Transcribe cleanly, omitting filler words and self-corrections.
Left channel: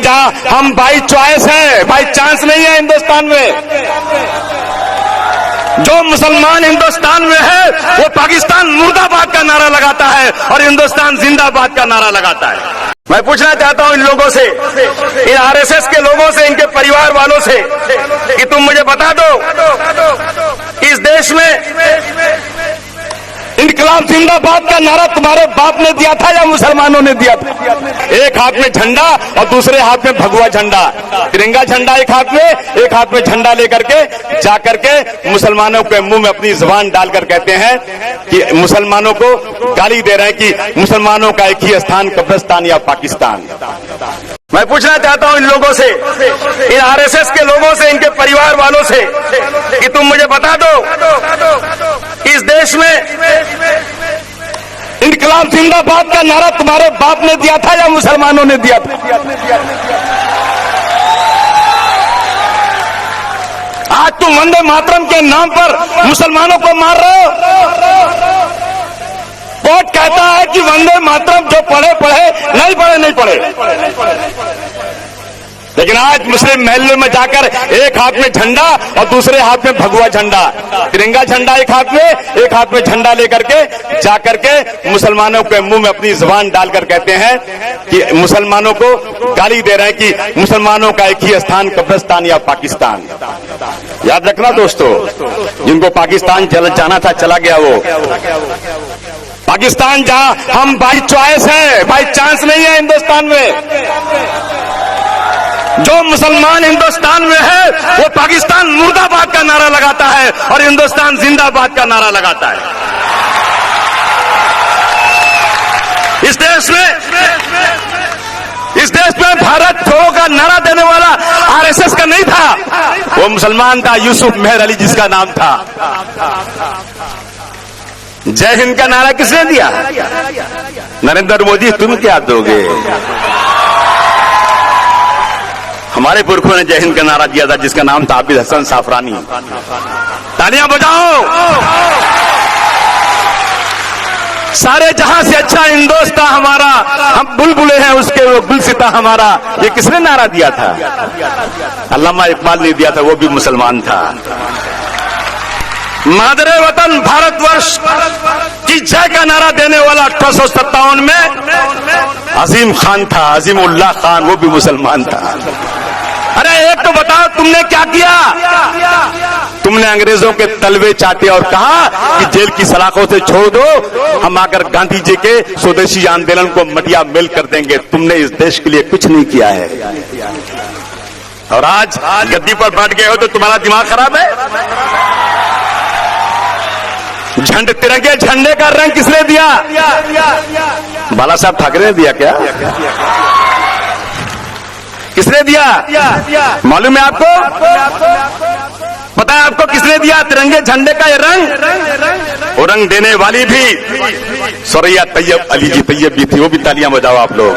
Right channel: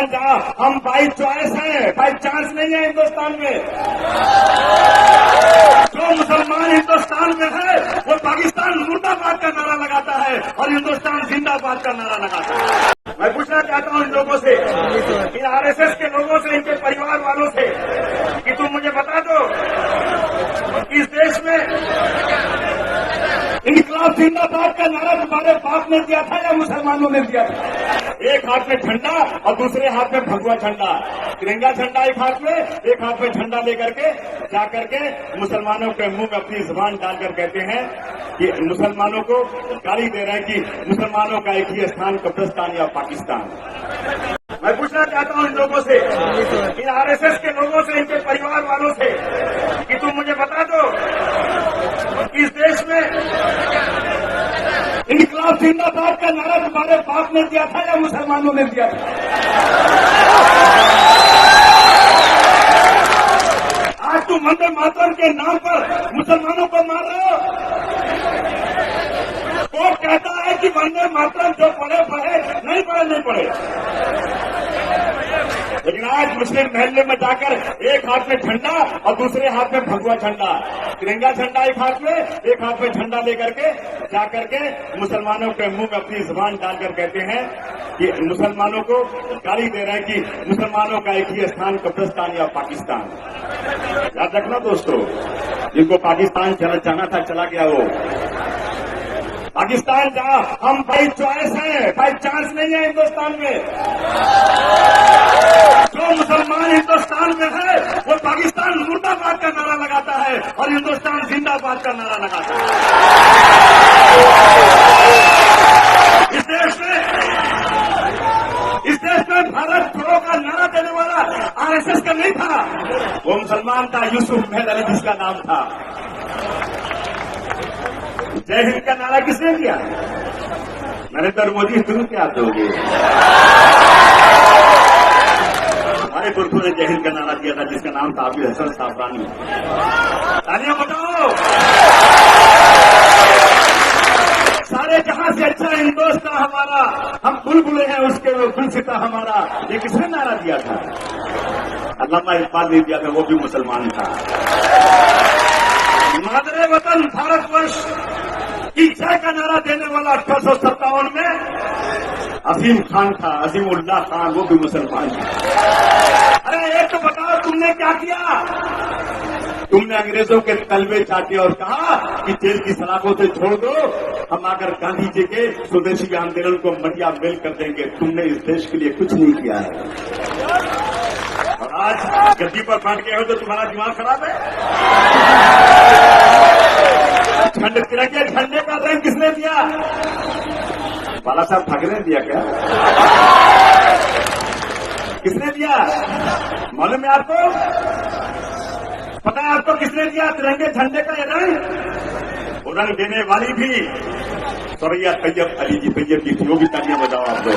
जहां हम by choice है, बाई चांस नहीं है हिंदुस्तान में। जो मुसलमान हिंदुस्तान में है वो पाकिस्तान मुर्दाबाद का नारा लगाता है और हिंदुस्तान जिंदाबाद का नारा लगाता है। मैं पूछना चाहता हूं इन लोगों से, इन आरएसएस के लोगों से, इनके परिवार वालों से कि तुम मुझे बता दो इस देश में इनकलाब जिंदाबाद का नारा तुम्हारे बाप ने दिया था या मुसलमानों ने दिया था? एक हाथ में झंडा और दूसरे हाथ में भगवा झंडा, तिरंगा झंडा एक हाथ में झंडा लेकर के जाकर के मुसलमानों के मुंह में अपनी जुबान डालकर कहते हैं कि मुसलमानों को गाली दे रहे हैं कि मुसलमानों का एक ही स्थान कब्रिस्तान या पाकिस्तान। मैं पूछना चाहता हूं इन लोगों से, इन आरएसएस के लोगों से, इनके परिवार वालों से कि तुम मुझे बता दो इस देश में इनकलाब जिंदाबाद का नारा तुम्हारे बाप ने दिया था या मुसलमानों ने दिया था? आज तुम वंदे मातरम के नाम पर मुसलमानों को मार रहे हो। कोर्ट कहता है कि वंदे मातरम जो पढ़े नहीं पढ़े, लेकिन आज मुस्लिम महल्ले में जाकर एक हाथ में झंडा और दूसरे हाथ में भगवा झंडा, तिरंगा झंडा एक हाथ में झंडा लेकर के जाकर के मुसलमानों के मुंह में अपनी जुबान डालकर कहते हैं कि मुसलमानों को गाली दे रहे हैं कि मुसलमानों का एक ही स्थान कब्रिस्तान या पाकिस्तान। याद रखना दोस्तों, जिनको पाकिस्तान जाना था चला गया वो। पाकिस्तान जहां हम बाई चॉइस है, बाई चांस नहीं है हिंदुस्तान में। जो मुसलमान हिंदुस्तान में है वो पाकिस्तान मुर्दाबाद का नारा लगाता है और हिंदुस्तान जिंदाबाद का नारा लगाता है। इस देश में भारत छोड़ो का नारा देने वाला आरएसएस का नहीं था, वो मुसलमान था, यूसुफ मेहर अली जिसका नाम था। जय हिंद का नारा किसने दिया? नरेंद्र मोदी। तुम क्या दोगे? हमारे पुरखों ने जय हिंद का नारा दिया था जिसका नाम था हाफिज हसन साफरानी। तालियां बजाओ। सारे जहां से अच्छा हिंदुस्तान हमारा, हम बुलबुले हैं उसके, वो गुलसिता हमारा, ये किसने नारा दिया था? अल्लामा इकबाल ने दिया था, वो भी मुसलमान था। मादरे वतन भारतवर्ष की जय का नारा देने वाला 1857 में अजीम खान था, अजीमुल्लाह खान, वो भी मुसलमान था। अरे एक तो बताओ तुमने क्या किया? तुमने अंग्रेजों के तलवे चाटे और कहा कि जेल की सलाखों से छोड़ दो, हम आकर गांधी जी के स्वदेशी आंदोलन को मटिया मेल कर देंगे। तुमने इस देश के लिए कुछ नहीं किया है और आज गद्दी पर बैठ गए हो तो तुम्हारा दिमाग खराब है। तिरंगे झंडे का रंग किसने दिया? बाला साहब ठाकरे ने दिया क्या? किसने दिया? मालूम है आपको? पता है आपको किसने दिया तिरंगे झंडे का ये रंग? वो रंग देने वाली भी सुरैया तैयब अली जी तैयब भी थी, वो भी तालियां बजाओ आप लोग।